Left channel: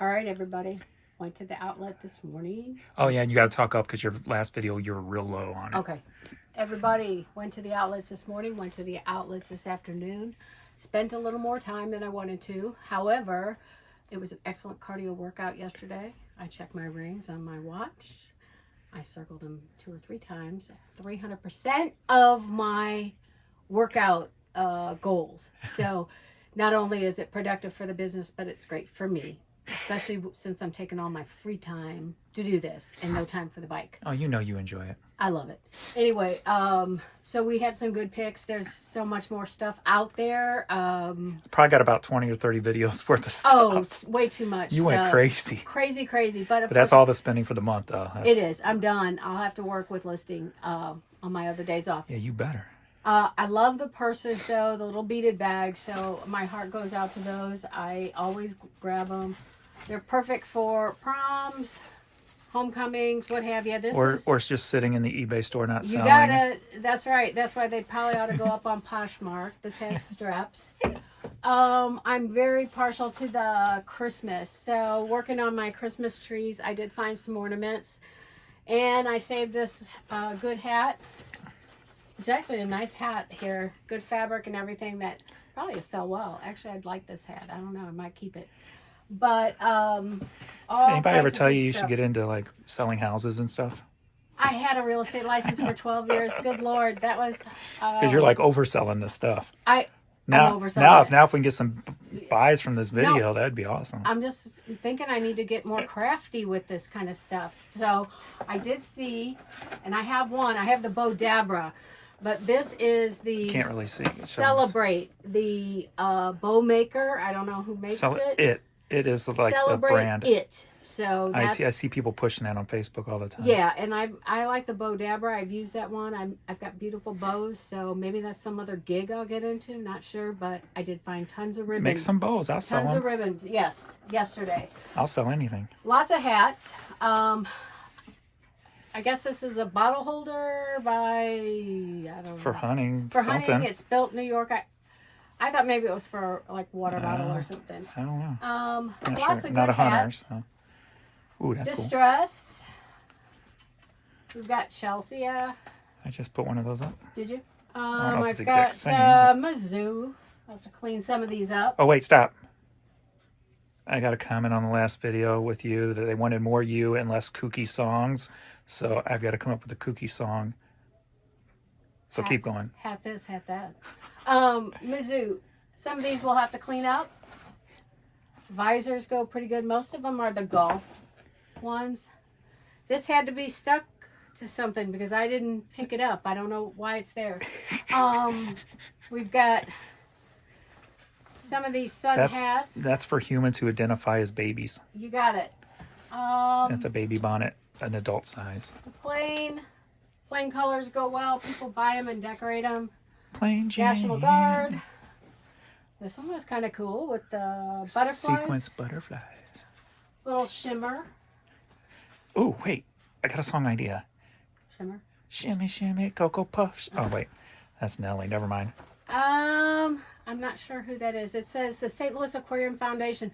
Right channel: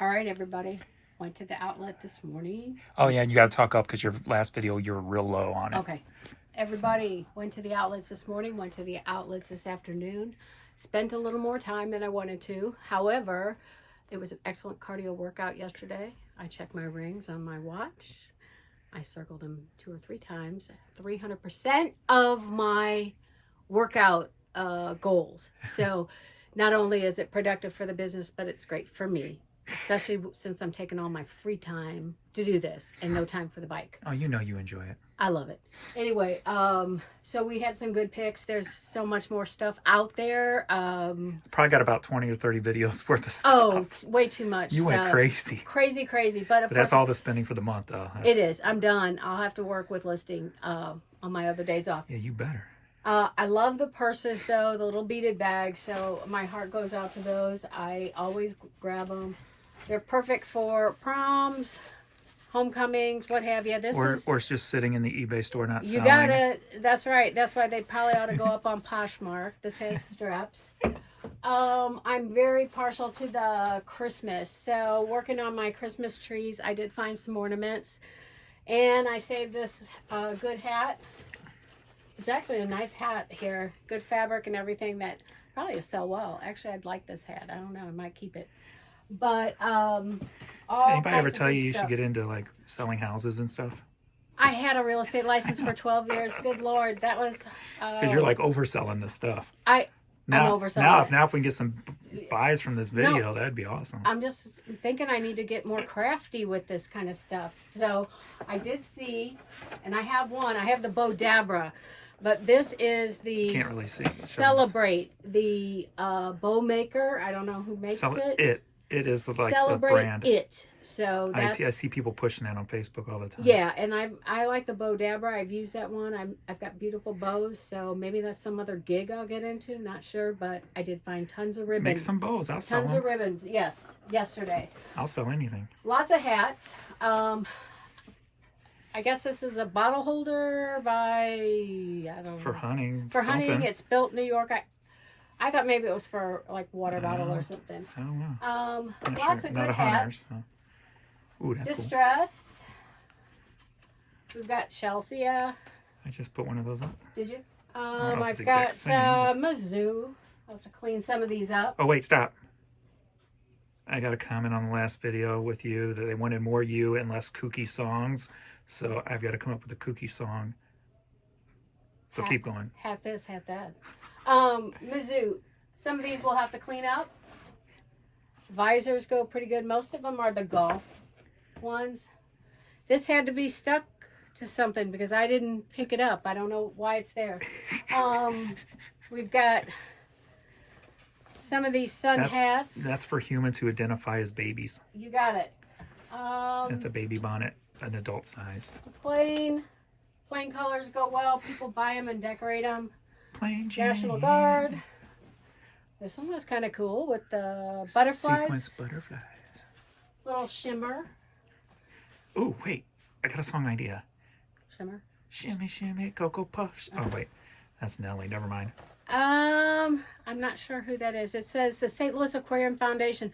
All right, everybody. Went to the outlet this morning. Oh, yeah, you got to talk up because your last video, you were real low on it. Okay. Everybody went to the outlets this morning, went to the outlets this afternoon. Spent a little more time than I wanted to. However, it was an excellent cardio workout yesterday. I checked my rings on my watch. I circled them 2 or 3 times. 300% of my workout goals. So not only is it productive for the business, but it's great for me, especially since I'm taking all my free time to do this and no time for the bike. Oh, you know you enjoy it. I love it. Anyway, so we had some good picks. There's so much more stuff out there. Probably got about 20 or 30 videos worth of stuff. Oh, way too much. You went crazy. Crazy. But that's all the spending for the month, though. It is. I'm done. I'll have to work with listing on my other days off. Yeah, you better. I love the purses, though, the little beaded bags. So my heart goes out to those. I always grab them. They're perfect for proms, homecomings, what have you. Or it's just sitting in the eBay store not selling. You gotta, that's right. That's why they probably ought to go up on Poshmark. This has straps. I'm very partial to the Christmas. So working on my Christmas trees, I did find some ornaments. And I saved this good hat. It's actually a nice hat here. Good fabric and everything that probably will sell well. Actually, I'd like this hat. I don't know. I might keep it. But anybody ever tell you should get into like selling houses and stuff? I had a real estate license for 12 years. Good Lord, that was because you're like overselling this stuff. I'm overselling. Now if we can get some buys from this video, that'd be awesome. I'm just thinking I need to get more crafty with this kind of stuff. So I did see, and I have one. I have the Bo Dabra. But this is the Can't really see. Celebrate, the bow maker. I don't know who makes it. It is like Celebrate the brand. It. So that's, I see people pushing that on Facebook all the time. Yeah, and I like the Bo Dabra. I've used that one. I've got beautiful bows, so maybe that's some other gig I'll get into. Not sure, but I did find tons of ribbons. Make some bows. I'll sell them. Tons of ribbons. Yes, yesterday. I'll sell anything. Lots of hats. I guess this is a bottle holder by, I don't know. For hunting. For hunting. It's built New York. I thought maybe it was for like water bottle or something. I don't know. Lots of good Not a hunter. hats. So. Ooh, that's Distressed. Cool. We've got Chelsea. I just put one of those up. Did you? I've got Mizzou. I'll have to clean some of these up. Oh, wait, stop. I got a comment on the last video with you that they wanted more you and less kooky songs. So I've got to come up with a kooky song. So keep going. Hat this, hat that. Mizzou. Some of these we'll have to clean up. Visors go pretty good. Most of them are the golf ones. This had to be stuck to something because I didn't pick it up. I don't know why it's there. We've got some of these sun hats. That's for humans who identify as babies. You got it. That's a baby bonnet, an adult size. Plain colors go well. People buy them and decorate them. Plain Jane. National Guard. This one was kind of cool with the butterflies. Sequence butterflies. Little shimmer. Oh, wait. I got a song idea. Shimmer. Shimmy, shimmy, Cocoa Puffs. Oh, wait. That's Nelly. Never mind. I'm not sure who that is. It says the St. Louis Aquarium Foundation.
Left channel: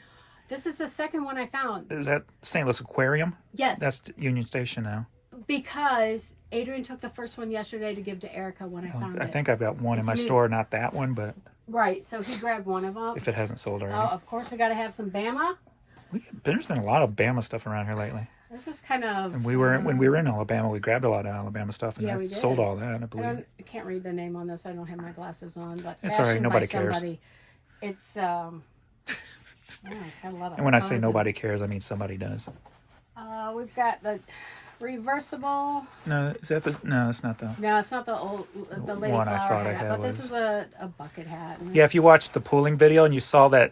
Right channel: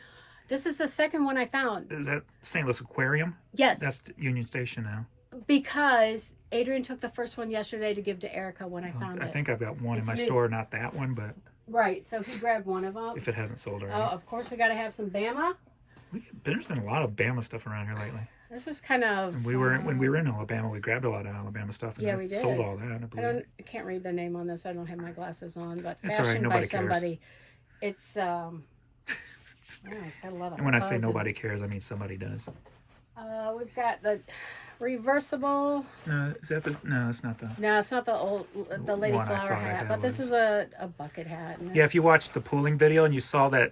This is the second one I found. Is that St. Louis Aquarium? Yes. That's Union Station now. Because Adrian took the first one yesterday to give to Erica when I found it. I think I've got one in my store. Not that one, but... Right. So he grabbed one of them. If it hasn't sold already. Oh, of course we got to have some Bama. There's been a lot of Bama stuff around here lately. This is kind of... And when we were in Alabama, we grabbed a lot of Alabama stuff. And we did. Sold all that, I believe. I can't read the name on this. I don't have my glasses on. But it's all right. Nobody cares. It's, yeah, it's got a lot of... And when I say nobody cares, I mean somebody does. We've got the reversible... No, is that the... No, it's not the... No, it's not the lady flower hat. But this is a bucket hat. Yeah, if you watched the pooling video and you saw that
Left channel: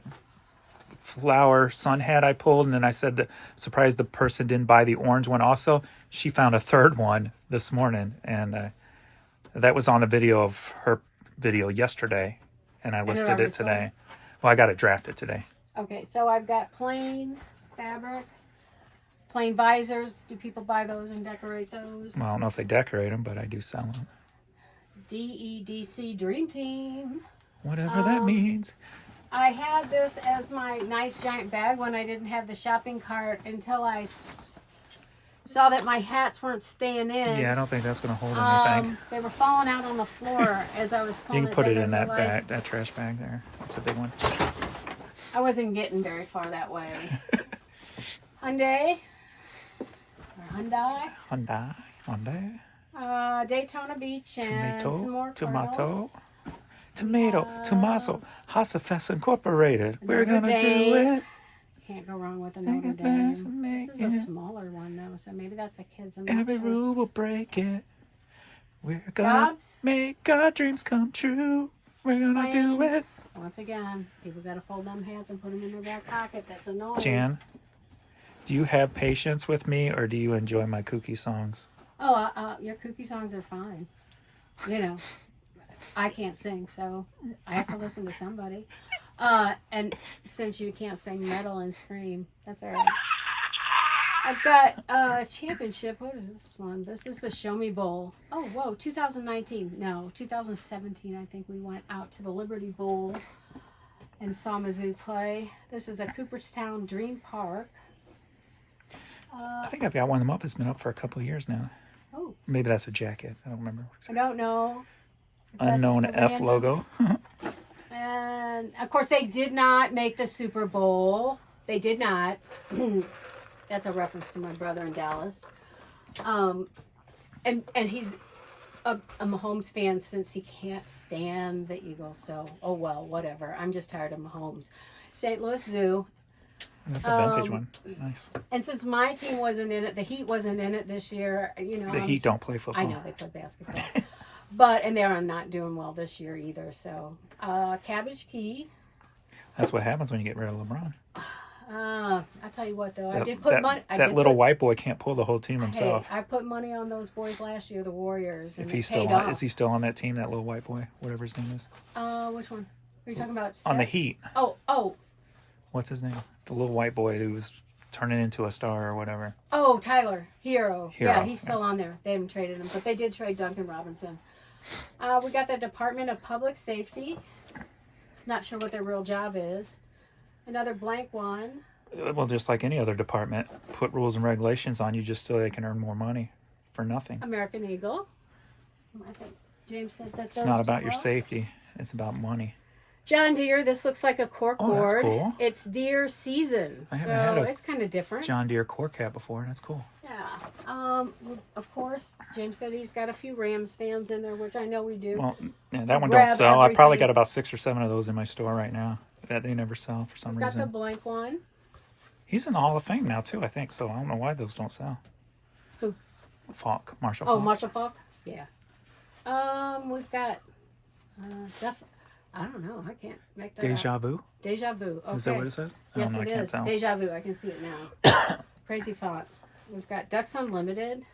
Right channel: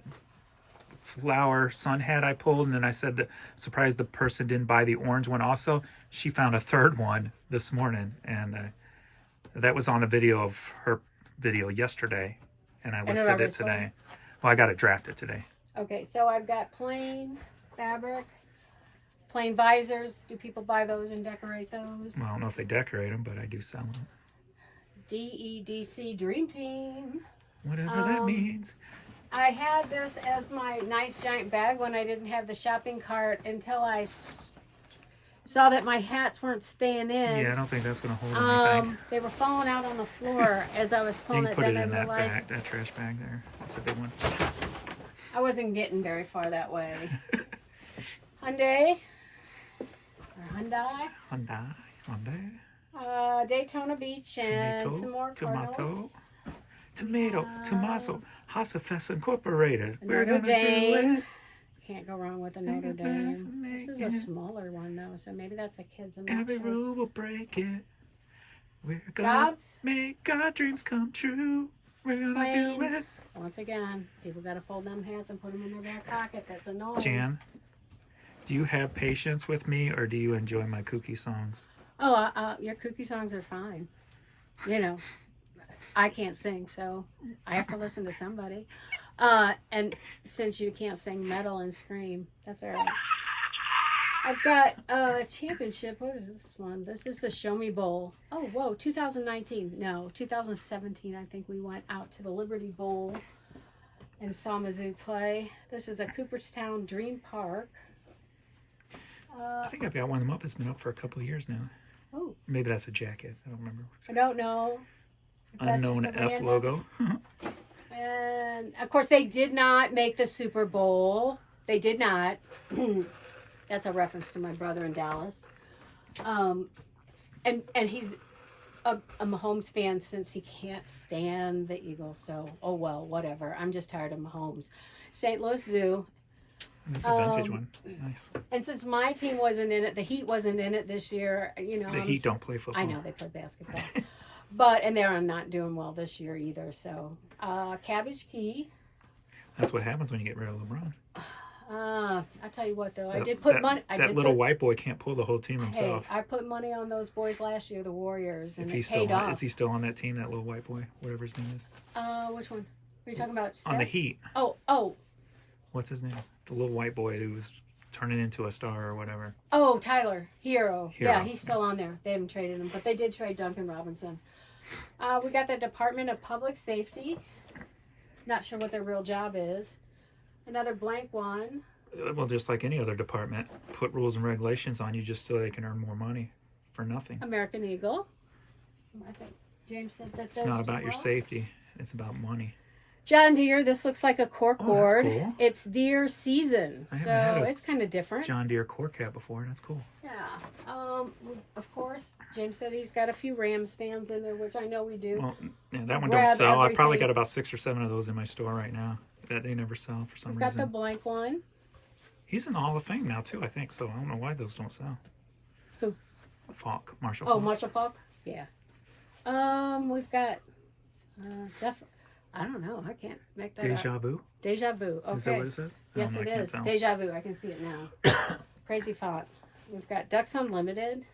flower sun hat I pulled, and then I said that surprised the person didn't buy the orange one also, she found a third one this morning, and that was on a video of her video yesterday, and I listed it today. Well, I got it drafted today. Okay, so I've got plain fabric, plain visors. Do people buy those and decorate those? Well, I don't know if they decorate them, but I do sell them. DEDC Dream Team. Whatever that means. I had this as my nice giant bag when I didn't have the shopping cart until I saw that my hats weren't staying in. Yeah, I don't think that's going to hold anything. They were falling out on the floor as I was You pulling can it. put it Then in I that realized that trash bag there. That's a big one. I wasn't getting very far that way. Hyundai. Daytona Beach and some more Tomato. Cardinals. Tommaso, Hasafest Incorporated. We're Notre gonna Dame. do it. Can't go wrong with a Notre Dame. This is a smaller one though, so maybe that's a kid's. Every rule will break it. We're gonna make our dreams come true. We're gonna do it. Once again, people gotta fold them hats and put them in their back pocket. That's annoying. Jan, do you have patience with me, or do you enjoy my kooky songs? Oh, your kooky songs are fine. You know, I can't sing, so I have to listen to somebody. And since you can't sing metal and scream, that's all right. I've got a championship. What is this one? This is the Show Me Bowl. Oh, whoa, 2019. No, 2017. I think we went out to the Liberty Bowl and saw Mizzou play. This is a Cooperstown Dream Park. I think I've got one of them up. It's been up for a couple of years now. Oh. Maybe that's a jacket. I don't remember. I don't know. Unknown F logo. And of course, they did not make the Super Bowl. They did not. That's a reference to my brother in Dallas. And he's a Mahomes fan since he can't stand the Eagles. So, oh well, whatever. I'm just tired of Mahomes. St. Louis Zoo. That's a vintage one. Nice. And since my team wasn't in it, the Heat wasn't in it this year. You know, the Heat don't play football. I know they play basketball. And they're not doing well this year either. So, Cabbage Key. That's what happens when you get rid of LeBron. I tell you what, though, I did put money. That little white boy can't pull the whole team himself. Hey, I put money on those boys last year, the Warriors, and Is he still on that team? That little white boy, whatever his name is. Which one? Are you talking about? Steph? On the Heat. Oh. What's his name? The little white boy who was turning into a star or whatever. Oh, Tyler Hero. Yeah, he's still on there. They haven't traded him, but they did trade Duncan Robinson. We got the Department of Public Safety. Not sure what their real job is. Another blank one. Well, just like any other department, put rules and regulations on you just so they can earn more money for nothing. American Eagle. I think James said that. It's not about your safety. It's about money. John Deere. This looks like a cork board. That's cool. It's deer season, so it's kind of different. John Deere cork hat before. That's cool. Yeah. Of course, James said he's got a few Rams fans in there, which I know we do. Well, yeah, that one don't sell. I probably got about 6 or 7 of those in my store right now that they never sell for some reason. Got the blank one. He's in the Hall of Fame now too, I think. So I don't know why those don't sell. Who? Falk, Marshall. Oh, Falk. Marshall Falk. Yeah. We've got stuff. I don't know. I can't make that Deja up. Vu. Deja Vu. Okay. Is that what it says? Yes, it is. Deja Vu. I can see it now. Crazy font. We've got Ducks Unlimited.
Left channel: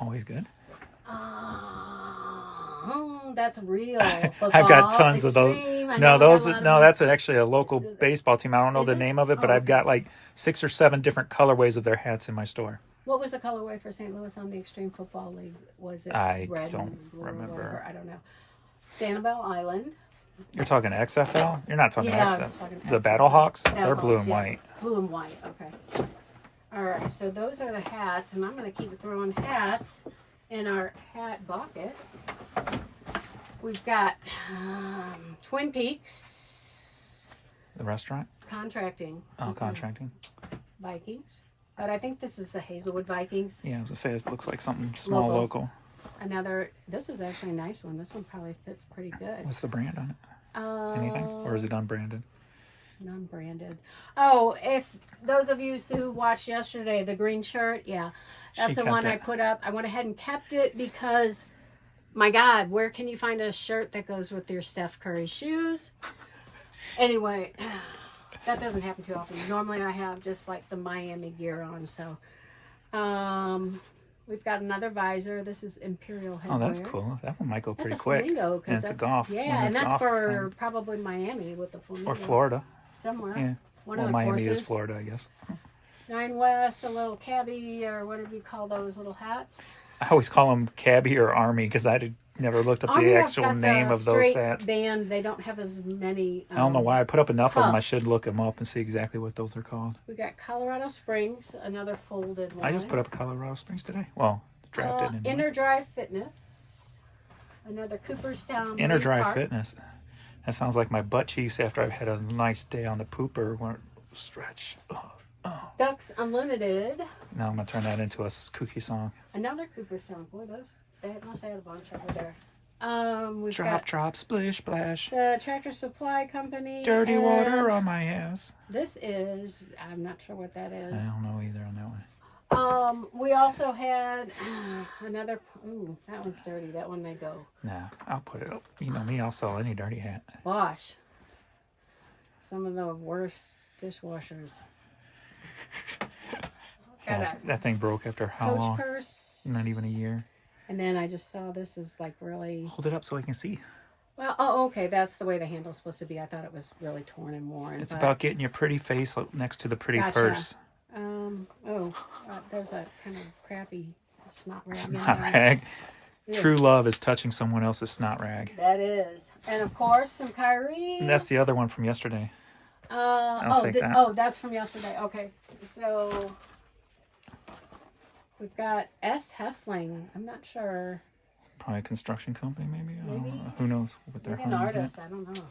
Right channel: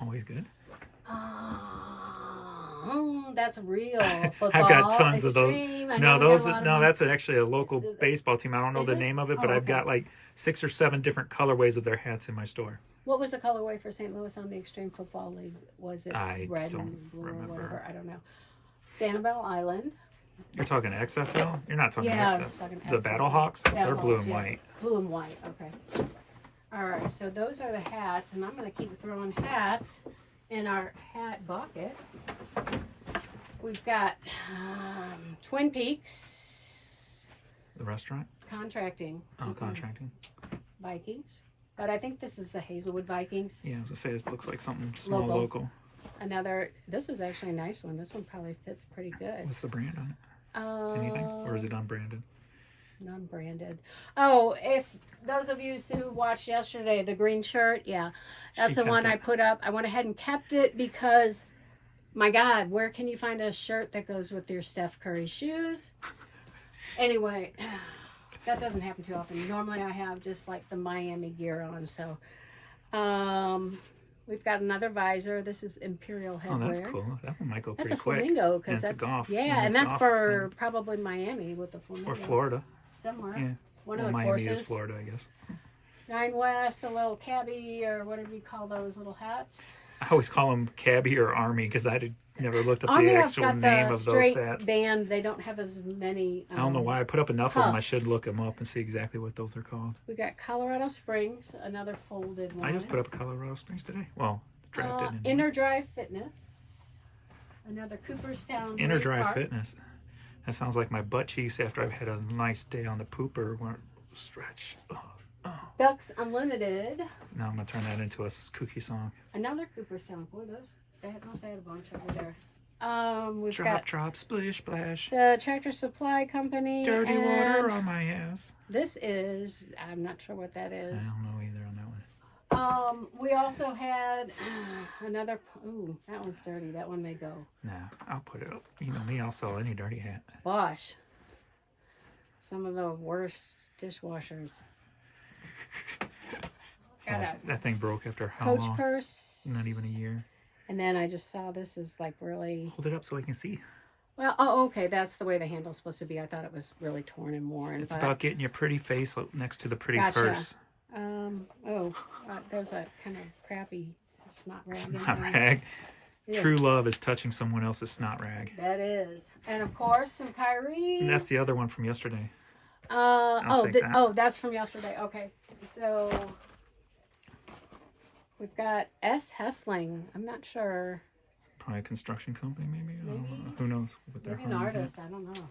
Always good. That's real football. I've got tons of those. That's actually a local baseball team. I don't know the name of it, but I've got like 6 or 7 different colorways of their hats in my store. What was the colorway for St. Louis on the Extreme Football League? Was it red and blue or whatever? I don't know. Sanibel Island. You're talking XFL? You're not talking XFL. I was talking The Battlehawks? They're blue and white. Blue and white, okay. All right, so those are the hats, and I'm going to keep throwing hats in our hat bucket. We've got Twin Peaks. The restaurant? Contracting. Oh, contracting. Vikings. But I think this is the Hazelwood Vikings. Yeah, I was going to say, it looks like something small local. This is actually a nice one. This one probably fits pretty good. What's the brand on it? Anything? Or is it unbranded? Non-branded. Oh, if those of you who watched yesterday, the green shirt, yeah, that's the one I put up. I went ahead and kept it because, my God, where can you find a shirt that goes with your Steph Curry shoes? Anyway, that doesn't happen too often. Normally I have just like the Miami gear on, so. We've got another visor. This is Imperial headwear. Oh, that's cool. That one might go pretty quick. That's a flamingo. That's a golf. Yeah, and that's for probably Miami with the flamingo. Or Florida. Somewhere. Yeah. One of the Miami courses. is Florida, I guess. 9 West, a little cabbie, or whatever you call those little hats. I always call them cabbie or army because never looked up Army, the I've actual got name the of those straight hats. band. They don't have as many. I don't know why I put up enough of them. I puffs. should look them up and see exactly what those are called. We got Colorado Springs, another folded one. I just put up Colorado Springs today. Well, drafted. Inner Drive Fitness, another Cooperstown. Inner Lake Drive Park. Fitness. That sounds like my butt cheeks after I've had a nice day on the pooper where stretch. Ducks Unlimited. Now I'm gonna turn that into a kooky song. Another Cooperstown. Boy, they must have had a bunch over there. We've Drop, got drop, splish, splash. the Tractor Supply Company. Dirty and water on my ass. This is, I'm not sure what that I is. don't know either on that one. We also had another. Ooh, that one's dirty. That one may go. Nah, I'll put it up. You know me, I'll sell any dirty hat. Bosch. Some of the worst dishwashers. Got a That thing broke after how Coach long? purse. Not even a year. And then I just saw this is like really. Hold it up so I can see. Well, oh, okay. That's the way the handle's supposed to be. I thought it was really torn and worn. It's but, about getting your pretty face next to the pretty Gotcha. purse. There's a kind of crappy snot rag. in Snot there. rag. Yeah. True love is touching someone else's snot rag. That is. And of course, some Kyrie. And that's the other one from yesterday. I'll take that. That's from yesterday. Okay. So we've got S. Hessling. I'm not sure. Probably a construction company, maybe. I don't Maybe. know. Who knows what they're Maybe an artist. I don't know.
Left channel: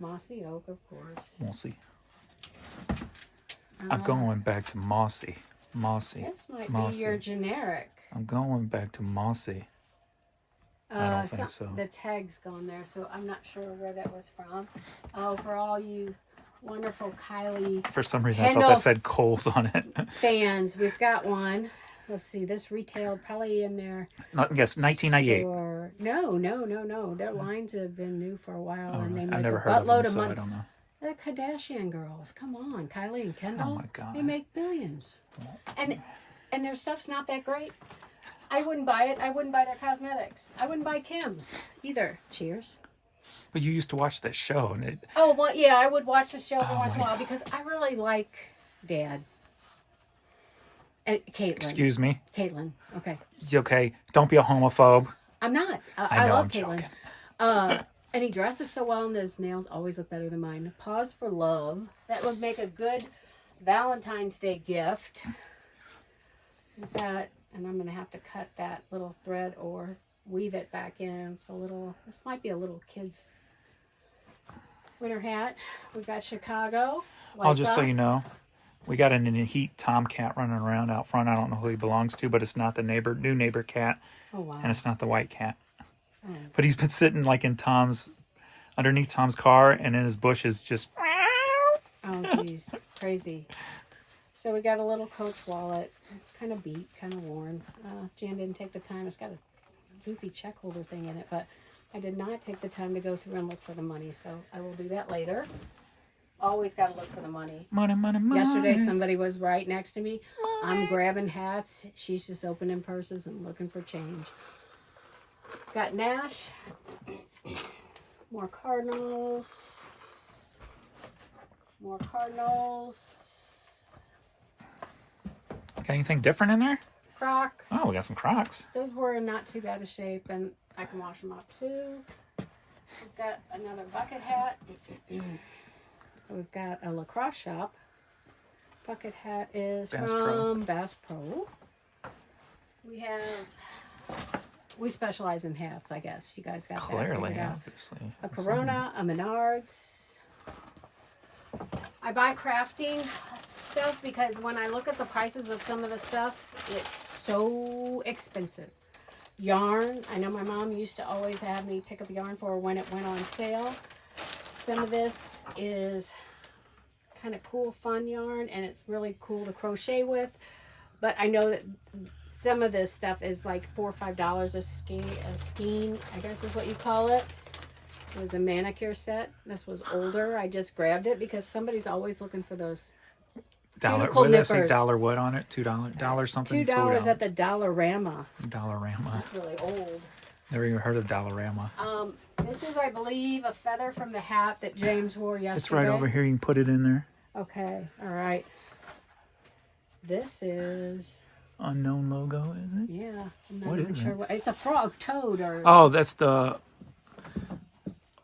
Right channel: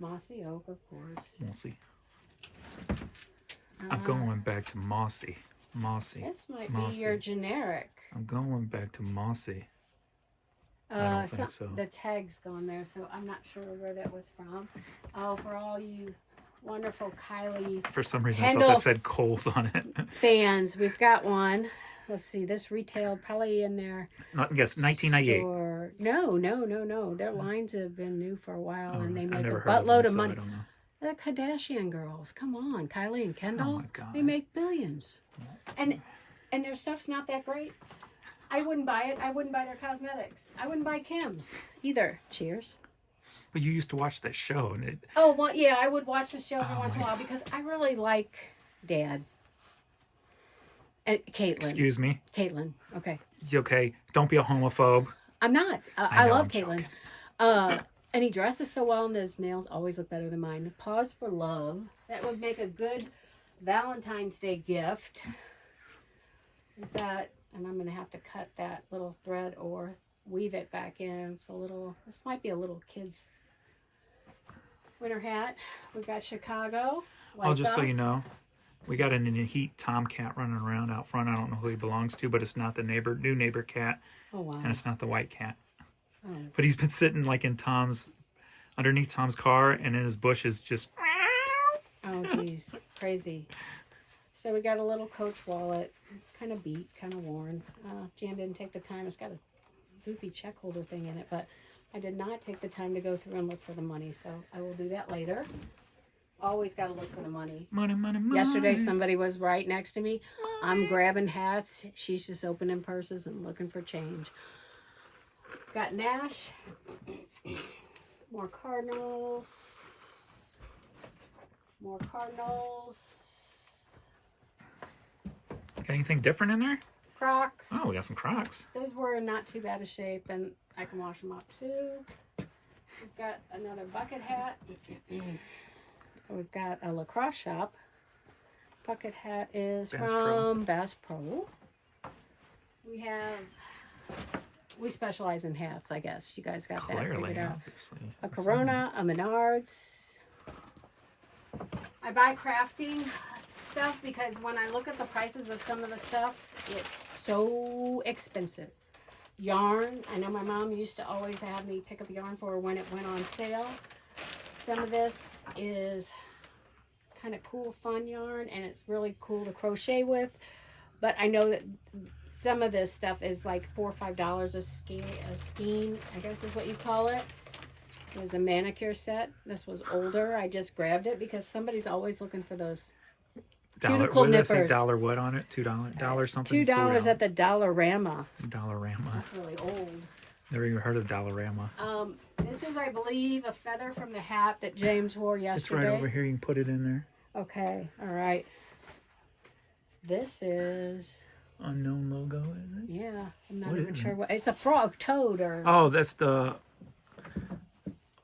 Mossy Oak, of course. We'll see. I'm going back to Mossy. Mossy. This might Mossy. be your generic. I'm going back to Mossy. I don't think so. The tag's gone there, so I'm not sure where that was from. Oh, for all you wonderful Kylie For some reason, I Handle- thought that said Kohl's on it. fans, we've got one. Let's see, this retailed probably in their Yes, 1998. store. No. Their lines have been new for a while, and they I've make a never heard of buttload them, of so money. I don't know. The Kardashian girls, come on, Kylie and Kendall. Oh my God. They make billions, and their stuff's not that great. I wouldn't buy it. I wouldn't buy their cosmetics. I wouldn't buy Kim's either. Cheers. But you used to watch that show, and it. Oh, well, yeah, I would watch the show every once in a my while because I really like Dad. And Caitlin. Excuse me. Caitlin. Okay. You okay? Don't be a homophobe. I'm not. I know, love I'm Caitlin. joking. And he dresses so well, and his nails always look better than mine. Pause for love. That would make a good Valentine's Day gift. That, and I'm going to have to cut that little thread or weave it back in. It's a little, this might be a little kid's winter hat. We've got Chicago. White Just so you Sox. know, we got an heat tomcat running around out front. I don't know who he belongs to, but it's not the new neighbor cat, Oh, wow. and it's not the white cat. Oh. But he's been sitting like underneath Tom's car, and in his bushes just. Oh, geez. Crazy. So we got a little Coach wallet. Kind of beat, kind of worn. Jan didn't take the time. It's got a goofy check holder thing in it, but I did not take the time to go through and look for the money, so I will do that later. Always got to look for the money. Money, money, money. Yesterday, somebody was right next to me. I'm grabbing hats. She's just opening purses and looking for change. Got Nash. More Cardinals. More Cardinals. Got anything different in there? Crocs. Oh, we got some Crocs. Those were in not too bad a shape, and I can wash them up too. We've got another bucket hat. We've got a lacrosse shop. Bucket hat is Bass from Bass Pro. We specialize in hats, I guess. You guys got that Clearly, figured out. obviously. A Corona, a Menards. I buy crafting stuff because when I look at the prices of some of the stuff, it's so expensive. Yarn. I know my mom used to always have me pick up yarn for her when it went on sale. Some of this is kind of cool, fun yarn, and it's really cool to crochet with. But I know that some of this stuff is like $4 or $5 a skein, I guess is what you call it. It was a manicure set. This was older. I just grabbed it because somebody's always looking for those Dollar, cuticle what did I say? nippers. Dollar what on it? $2 something? $2 at the Dollarama. Dollarama. It's really old. Never even heard of Dollarama. This is, I believe, a feather from the hat that James wore yesterday. It's right over here. You can put it in there. Okay, all right. This is Unknown logo, is it? Yeah, I'm not What even is sure it? what. It's a frog, toad, or Oh, that's the.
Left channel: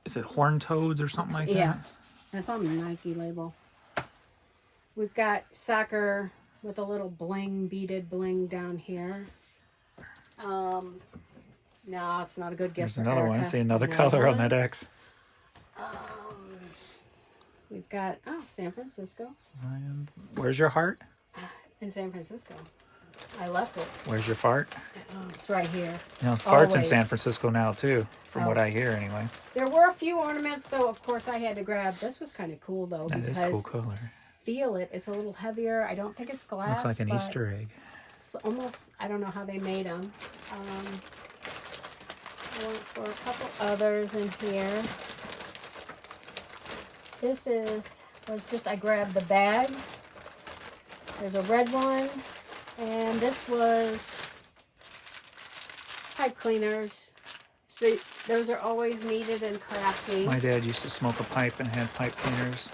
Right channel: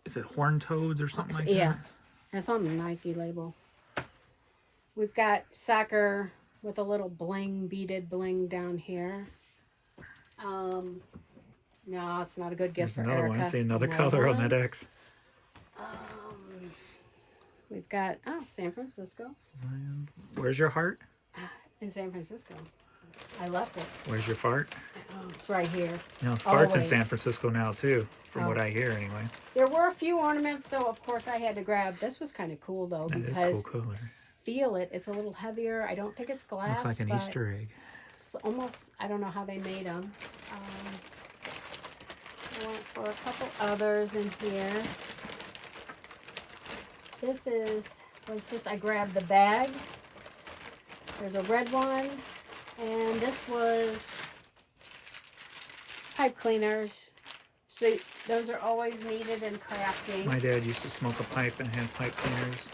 Is it horned toads or something like yeah. that? That's on the Nike label. We've got soccer with a little bling, beaded bling down here. No, it's not a good gift There's for another Erica. one. I see another color on that X. We've got San Francisco. Where's your heart? In San Francisco. I left it. Where's your fart? It's right here. You know, fart's in Always. San Francisco now too, from what I hear anyway. There were a few ornaments, so of course I had to grab. This was kind of cool though, That because is cool color. feel it. It's a little heavier. I don't think it's glass. Looks like an but Easter egg. It's almost. I don't know how they made them. I went for a couple others in here. This was just I grabbed the bag. There's a red one, and this was pipe cleaners. So those are always needed in crafting. My dad used to smoke a pipe and had pipe cleaners.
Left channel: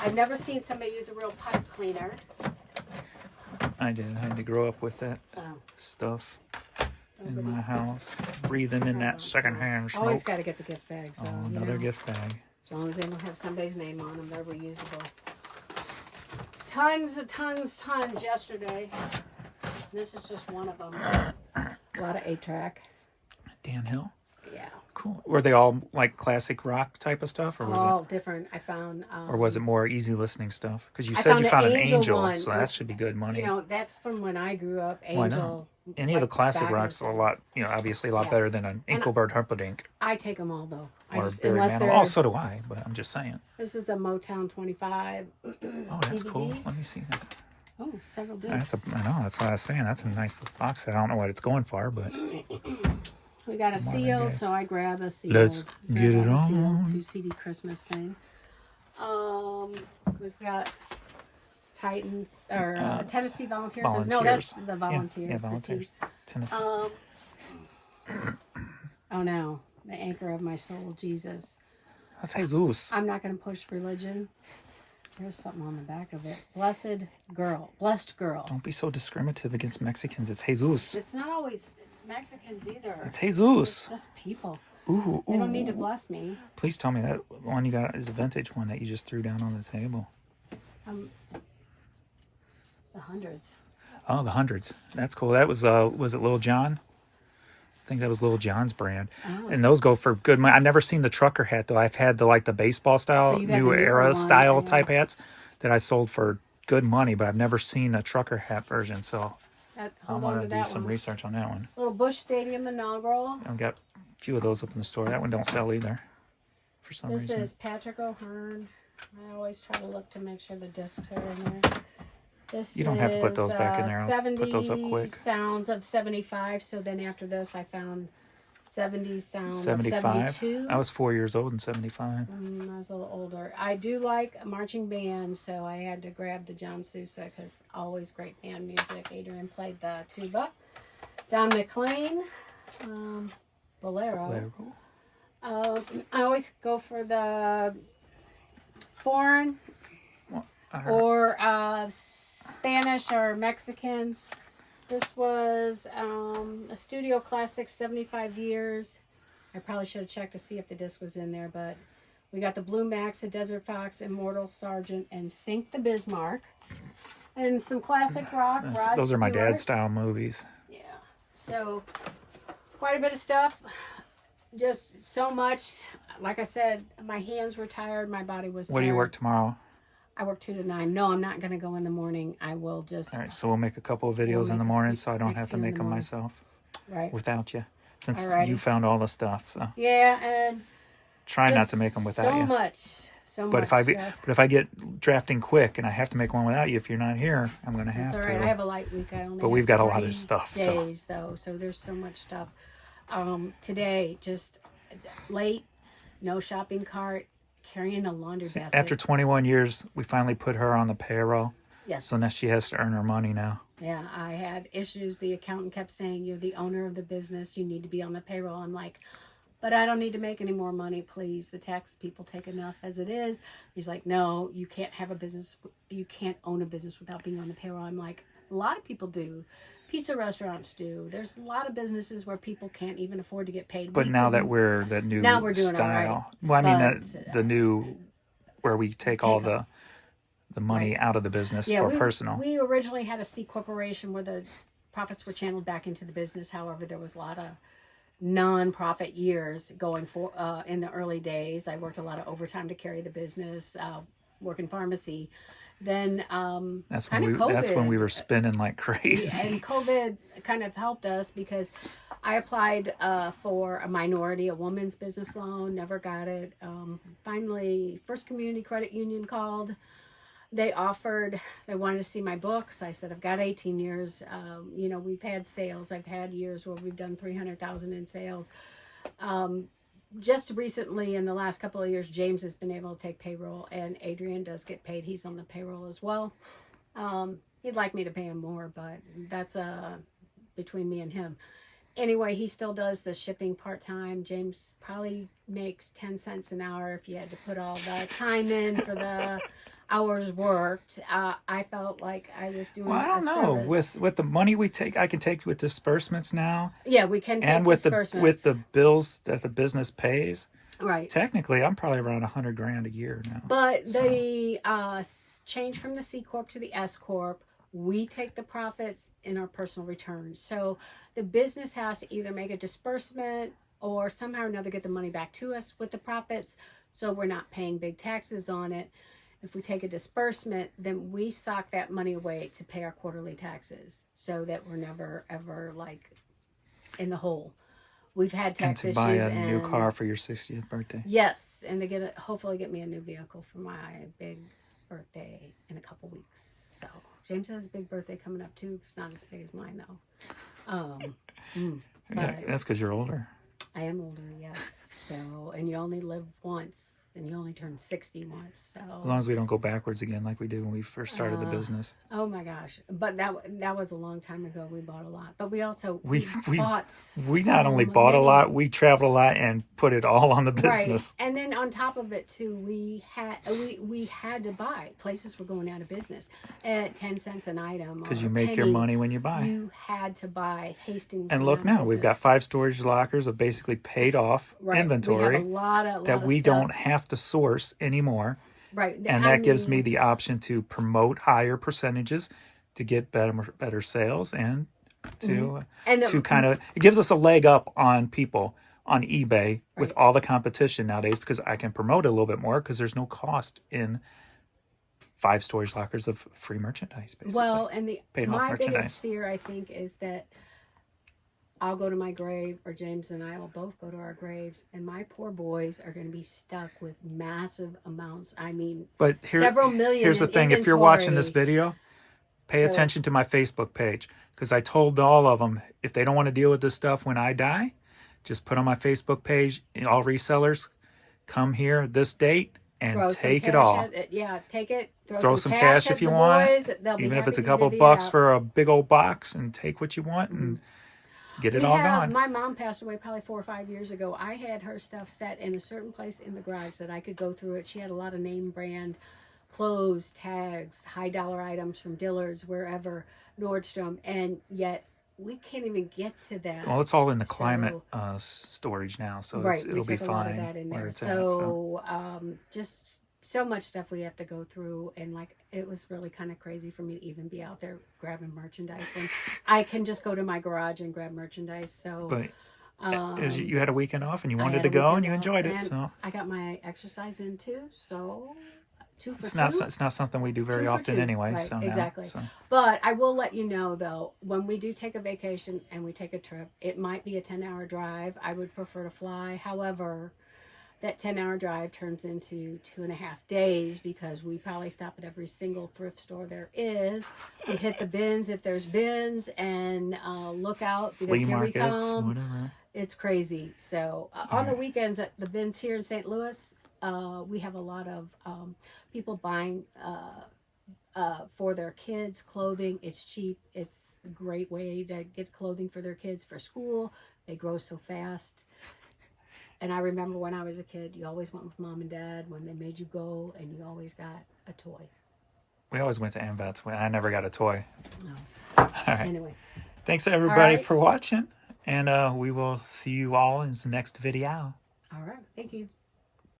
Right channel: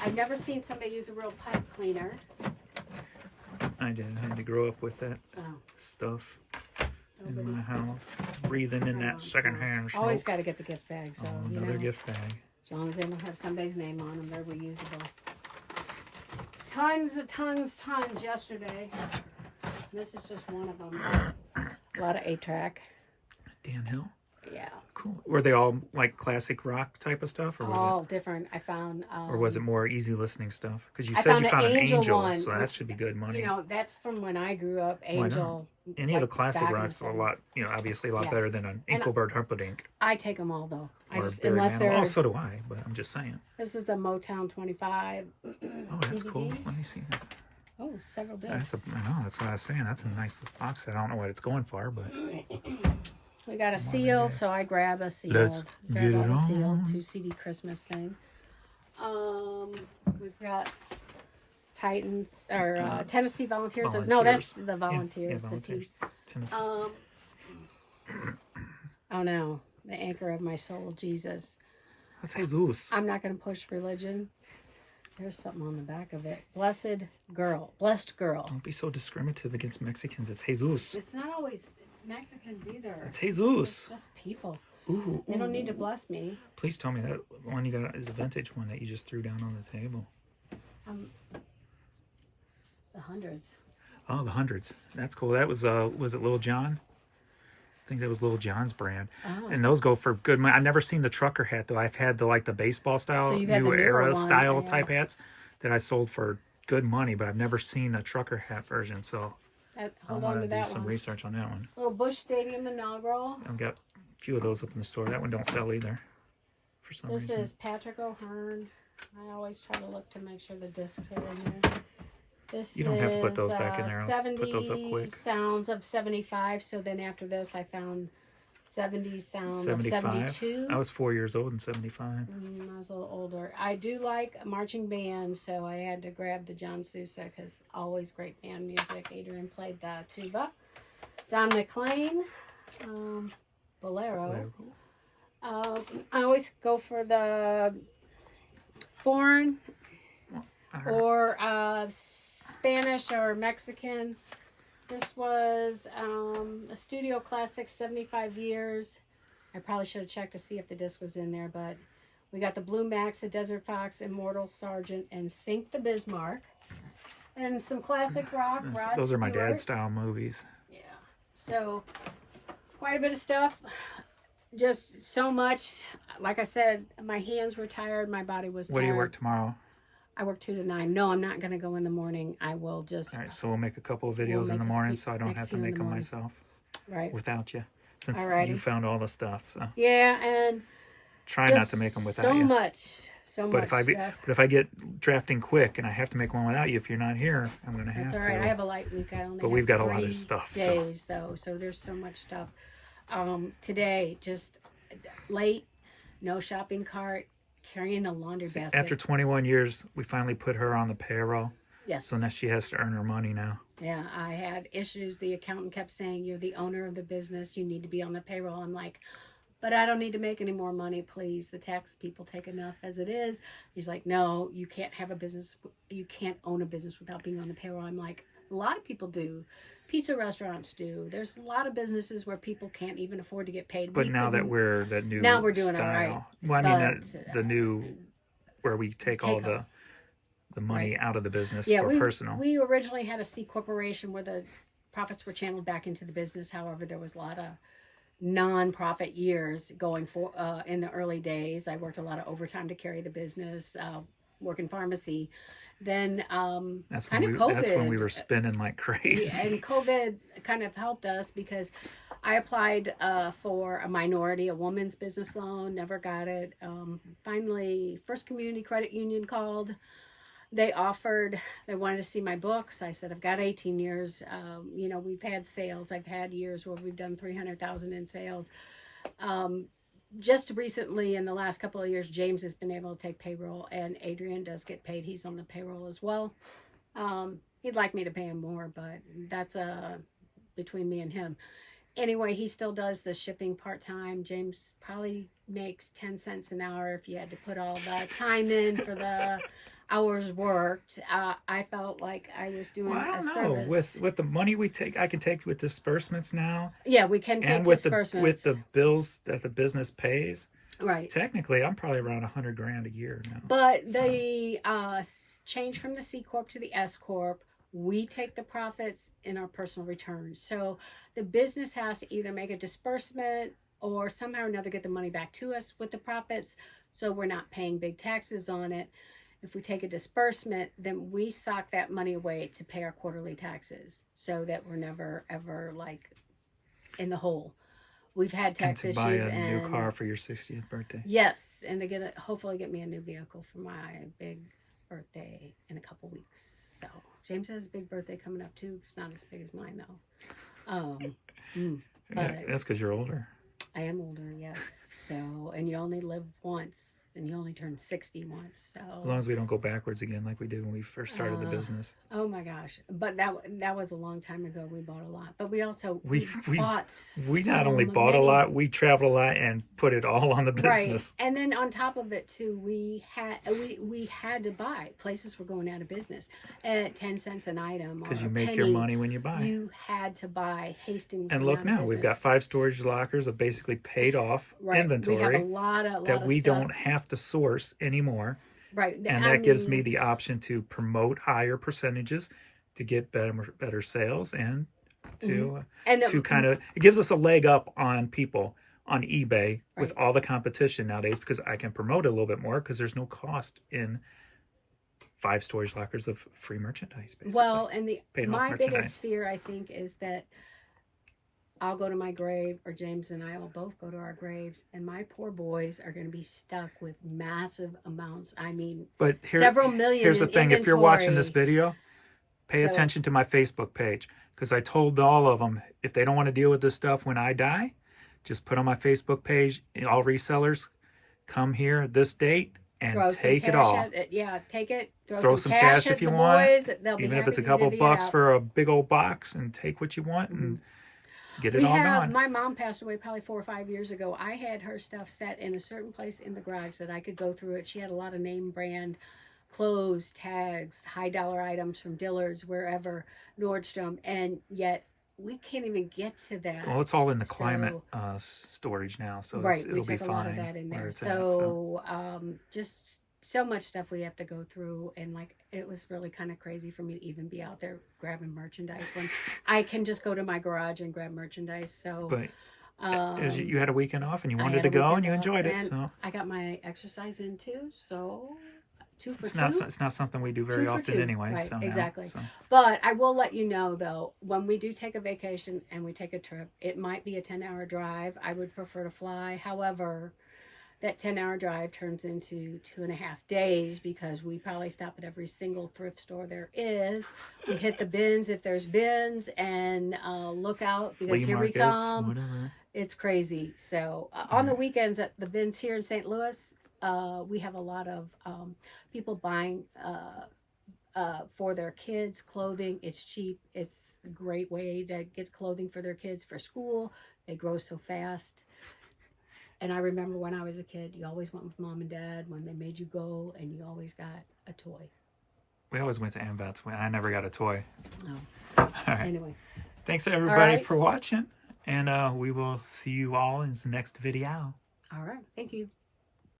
I've never seen somebody use a real pipe cleaner. I did. I had to grow up with that stuff in my house, breathing in that secondhand smoke. Always got to get the gift bag. So Another gift bag. As long as they don't have somebody's name on them, they're reusable. Tons yesterday. This is just one of them. A lot of 8-track. Dan Hill. Yeah. Cool. Were they all like classic rock type of stuff, or was All different. I found. or was it more easy listening stuff? Because you I said found you the found an Angel angel, one, so that which, should be good money. You know, that's from when I grew up. Why not? Angel. Any of the like, classic back in rocks the are a lot, you know, obviously a lot Yeah. better than an And Inkelbird Humperdinck I take them all though. I or just Barry unless Manilow. they're. Oh, so do I, but I'm just saying. This is the Motown 25. Oh, that's DVD. cool. Let me see that. Oh, several discs. I know, that's what I was saying. That's a nice box set. I don't know what it's going for, but We got a seal, so I grab a seal. Let's Grab get it a seal, on. 2 CD Christmas thing. We've got Titans or Tennessee Volunteers. No, that's the Volunteers. Yeah, the Volunteers. team. Tennessee. Oh no, the anchor of my soul, Jesus. That's Jesus. I'm not going to push religion. There's something on the back of it. Blessed girl. Don't be so discriminative against Mexicans. It's Jesus. It's not always Mexicans either. It's Jesus. It's just people. Ooh, They don't need to bless me. Please tell me that one you got is a vintage one that you just threw down on the table. The hundreds. Oh, the hundreds. That's cool. That was it Lil Jon? I think that was Lil Jon's brand. Oh. And those go for good money. I've never seen the trucker hat though. I've had the baseball style, So you've had new the newer era one, style yeah. type hats that I sold for good money, but I've never seen a trucker hat version. So I'm Hold on gonna to do that some one. research on that one. Little Busch Stadium inaugural. I've got a few of those up in the store. That one don't sell either for some This reason. is Patrick O'Hearn. I always try to look to make sure the discs are in there. This You don't have to put is, those back in there. I'll 70 put those up quick. sounds of 75. So then after this, I found 70 sounds of 75. 72. I was 4 years old in 75. I was a little older. I do like marching band, so I had to grab the John Sousa because always great band music. Adrian played the tuba. Don McLean, Bolero. I always go for the foreign or Spanish or Mexican. This was a Studio Classic, 75 years. I probably should have checked to see if the disc was in there, but we got the Blue Max, the Desert Fox, Immortal Sergeant, and Sink the Bismarck. And some classic rock. Rod Those are my Stewart. dad style movies. Yeah. So, quite a bit of stuff. Just so much. Like I said, my hands were tired. My body was tired. What do you work tomorrow? I work 2 to 9. No, I'm not going to go in the morning. I will just... All right, so we'll make a couple of videos in the morning so I don't have to make them myself Right. without you. Since Alrighty. you found all the stuff, so Yeah, and... try not to make them without you. So But much if I get drafting quick and I have to make one without you, if you're not here, I'm gonna have That's all to. right. I have a light week. I only. But we've got a lot of 3 stuff, so. days though, so there's so much stuff. Today, just late, no shopping cart, carrying a laundry basket. After 21 years, we finally put her on the payroll. Yes. So now she has to earn her money now. Yeah, I had issues. The accountant kept saying, "You're the owner of the business. You need to be on the payroll." I'm like, but I don't need to make any more money, please. The tax people take enough as it is. He's like, no, you can't have a business. You can't own a business without being on the payroll. I'm like, a lot of people do. Pizza restaurants do. There's a lot of businesses where people can't even afford to get paid. But now that we're the new now we're doing style, all right. well, I mean, But, the new, where we take all the money right. out of the business Yeah, for personal. We originally had a C corporation where the profits were channeled back into the business. However, there was a lot of non-profit years going for in the early days. I worked a lot of overtime to carry the business, work in pharmacy. Then That's COVID. when we were spinning like crazy. And COVID kind of helped us because I applied for a woman's business loan, never got it. Finally, First Community Credit Union called. They wanted to see my books. I said, I've got 18 years. We've had sales. I've had years where we've done 300,000 in sales. Just recently, in the last couple of years, James has been able to take payroll, and Adrian does get paid. He's on the payroll as well. He'd like me to pay him more, but that's between me and him. Anyway, he still does the shipping part-time. James probably makes 10 cents an hour if you had to put all the time in for the hours worked. I felt like I was doing a service. With the money we take, I can take with disbursements now. Yeah, we can take disbursements. With the bills that the business pays. Right. Technically, I'm probably around $100,000 a year now. But the change from the C Corp to the S Corp, we take the profits in our personal returns. So the business has to either make a disbursement or somehow or another get the money back to us with the profits, so we're not paying big taxes on it. If we take a disbursement, then we sock that money away to pay our quarterly taxes so that we're never, ever like in the hole. We've had tax issues. And to buy a new car for your 60th birthday. Yes, and to hopefully get me a new vehicle for my big birthday in a couple weeks. So James has a big birthday coming up too. It's not as big as mine though. But that's because you're older. I am older, yes. So, and you only live once. And you only turn 60 once, so as long as we don't go backwards again like we did when we first started the business. Oh my gosh! But that was a long time ago. We bought a lot, but we also bought. We not only bought a lot, we traveled a lot and put it all on the business. Right, and then on top of it too, we had to buy. Places were going out of business at 10 cents an item. Because you make your money when you buy. You had to buy. Hastings. And look now, we've got 5 storage lockers of basically paid off inventory. We have a lot of we stuff. Don't have to source anymore. Right. And that gives me the option to promote higher percentages to get better sales and to kind of, it gives us a leg up on people on eBay with all the competition nowadays, because I can promote it a little bit more because there's no cost in 5 storage lockers of free merchandise, basically. Well, and my biggest fear, I think, is that I'll go to my grave, or James and I will both go to our graves, and my poor boys are going to be stuck with massive amounts. I mean, several million. Here's the thing: if you're watching this video, pay attention to my Facebook page, because I told all of them, if they don't want to deal with this stuff when I die, just put on my Facebook page, all resellers, come here this date and take it all. Take it. Throw some cash if you want, even if it's a couple bucks for a big old box, and take what you want and get it all gone. My mom passed away probably 4 or 5 years ago. I had her stuff set in a certain place in the garage that I could go through it. She had a lot of name brand clothes, tags, high dollar items from Dillard's, wherever, Nordstrom, and yet we can't even get to that. Well, it's all in the climate storage now, so it'll be fine. A lot of that in there. So just so much stuff we have to go through, and like it was really kind of crazy for me to even be out there grabbing merchandise when I can just go to my garage and grab merchandise. So but you had a weekend off and you wanted to go and you enjoyed it, so I got my exercise in too. So 2 for 2. It's not something we do very often anyway. Right, so exactly. So. But I will let you know though, when we do take a vacation and we take a trip, it might be a 10-hour drive. I would prefer to fly. However, that 10-hour drive turns into 2.5 days, because we probably stop at every single thrift store there is. We hit the bins if there's bins, and look out, because here we come. Whatever. It's crazy. So on the weekends at the bins here in St. Louis, we have a lot of people buying for their kids clothing. It's cheap. It's a great way to get clothing for their kids for school. They grow so fast. And I remember when I was a kid, you always went with mom and dad when they made you go, and you always got a toy. We always went to Amvets. I never got a toy. No. All right. Anyway. Thanks everybody right. for watching. And we will see you all in the next video. All right. Thank you.